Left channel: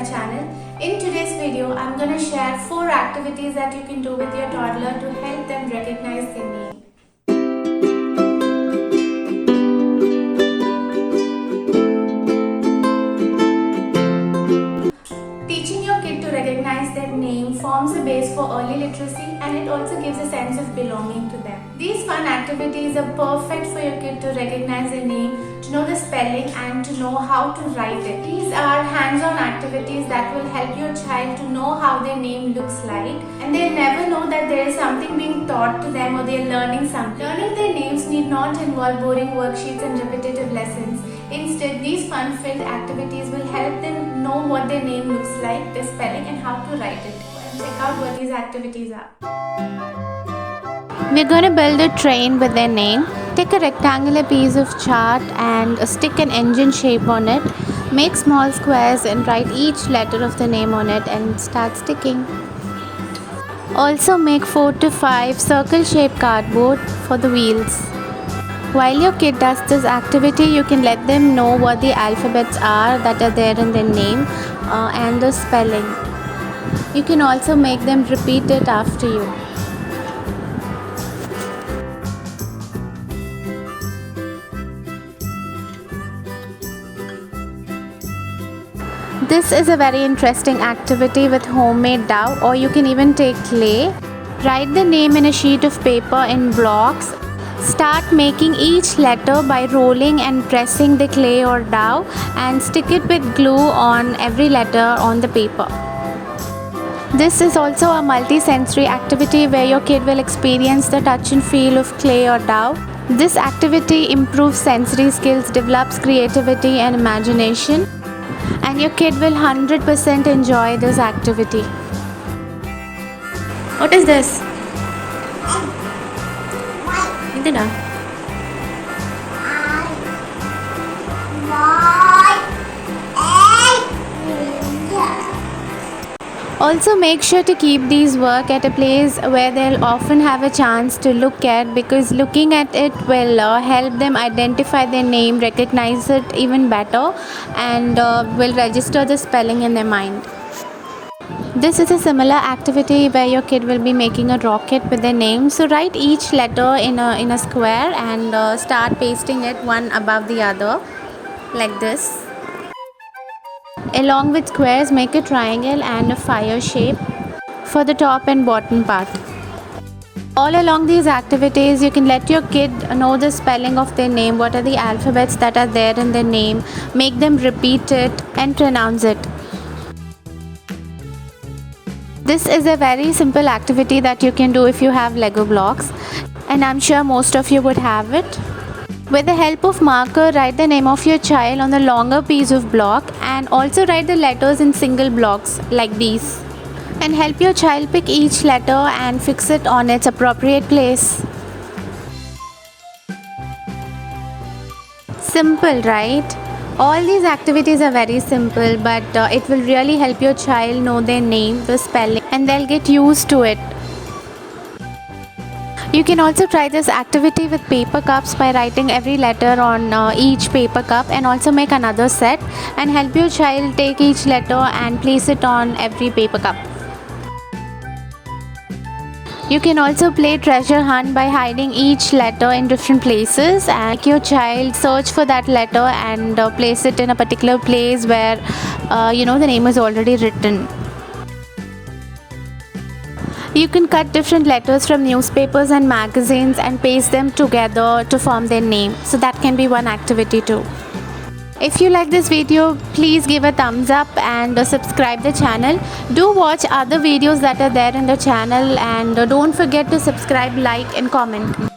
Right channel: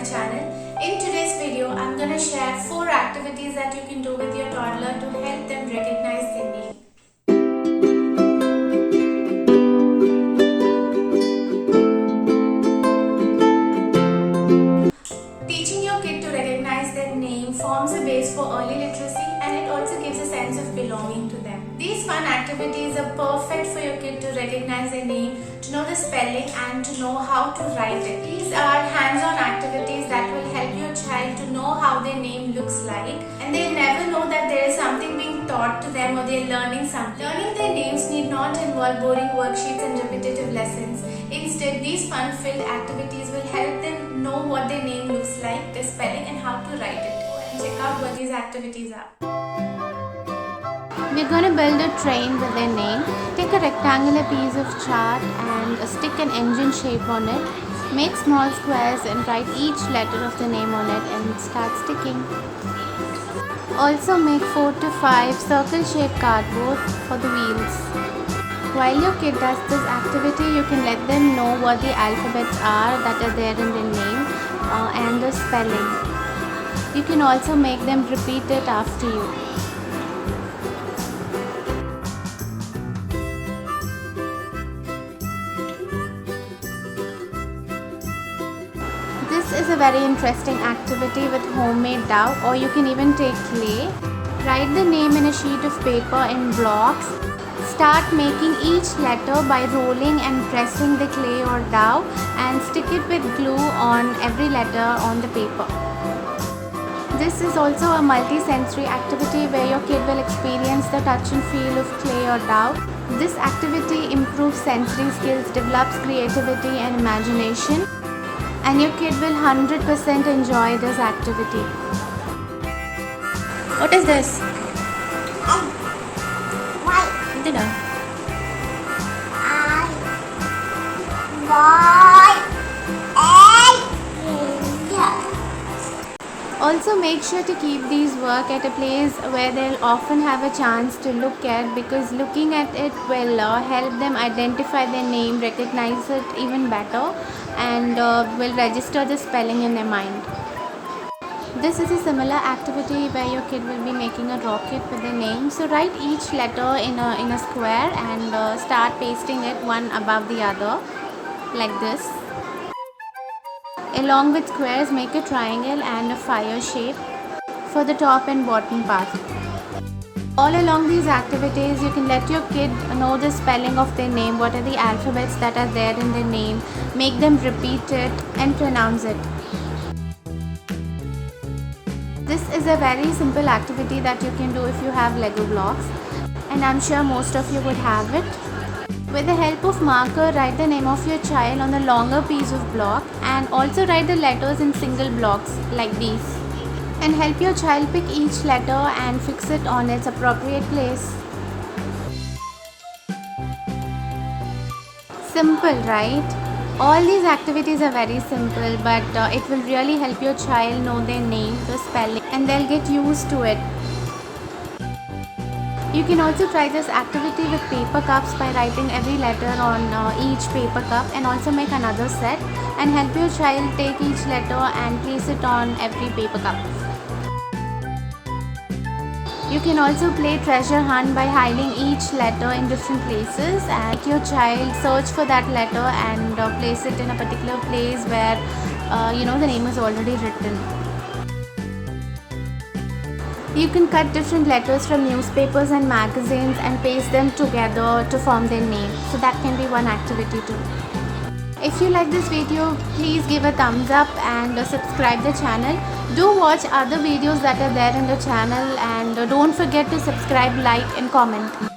my channel. In today's video, I'm gonna share 4 activities that you can do with your toddler to help them recognize their name. Teaching your kid to recognize their name forms a base for early literacy, and it also gives a sense of belonging to them. These fun activities are perfect for your kid to recognize their name, to know the spelling and to know how to write it. These are hands-on activities that will help your child to know how their name looks like, and they'll never know that there is something being taught to them or they're learning something. Learning their names need not involve boring worksheets and repetitive lessons. Instead, these fun-filled activities will help them know what their name looks like, the spelling and how to write it. And check out what these activities are. We're going to build a train with their name. Take a rectangular piece of chart and stick an engine shape on it. Make small squares and write each letter of the name on it and start sticking. Also make 4 to 5 circle shaped cardboard for the wheels. While your kid does this activity, you can let them know what the alphabets are that are there in their name and the spelling. You can also make them repeat it after you. This is a very interesting activity with homemade dough, or you can even take clay. Write the name in a sheet of paper in blocks. Start making each letter by rolling and pressing the clay or dough and stick it with glue on every letter on the paper. This is also a multi-sensory activity where your kid will experience the touch and feel of clay or dough. This activity improves sensory skills, develops creativity and imagination, and your kid will 100% enjoy this activity. What is this? Also make sure to keep these work at a place where they'll often have a chance to look at, because looking at it will help them identify their name, recognize it even better, and will register the spelling in their mind. This is a similar activity where your kid will be making a rocket with their name. So write each letter in a square and start pasting it one above the other like this. Along with squares, make a triangle and a fire shape for the top and bottom part. All along these activities, you can let your kid know the spelling of their name, what are the alphabets that are there in their name, make them repeat it and pronounce it. This is a very simple activity that you can do if you have Lego blocks, and I'm sure most of you would have it. With the help of marker, write the name of your child on the longer piece of block and also write the letters in single blocks like these. And help your child pick each letter and fix it on its appropriate place. Simple, right? All these activities are very simple, but it will really help your child know their name, the spelling, and they'll get used to it. You can also try this activity with paper cups by writing every letter on each paper cup, and also make another set and help your child take each letter and place it on every paper cup. You can also play treasure hunt by hiding each letter in different places, and make your child search for that letter and place it in a particular place where the name is already written. You can cut different letters from newspapers and magazines and paste them together to form their name. So that can be one activity too. If you like this video, please give a thumbs up and subscribe the channel. Do watch other videos that are there in the channel, and don't forget to subscribe, like and comment.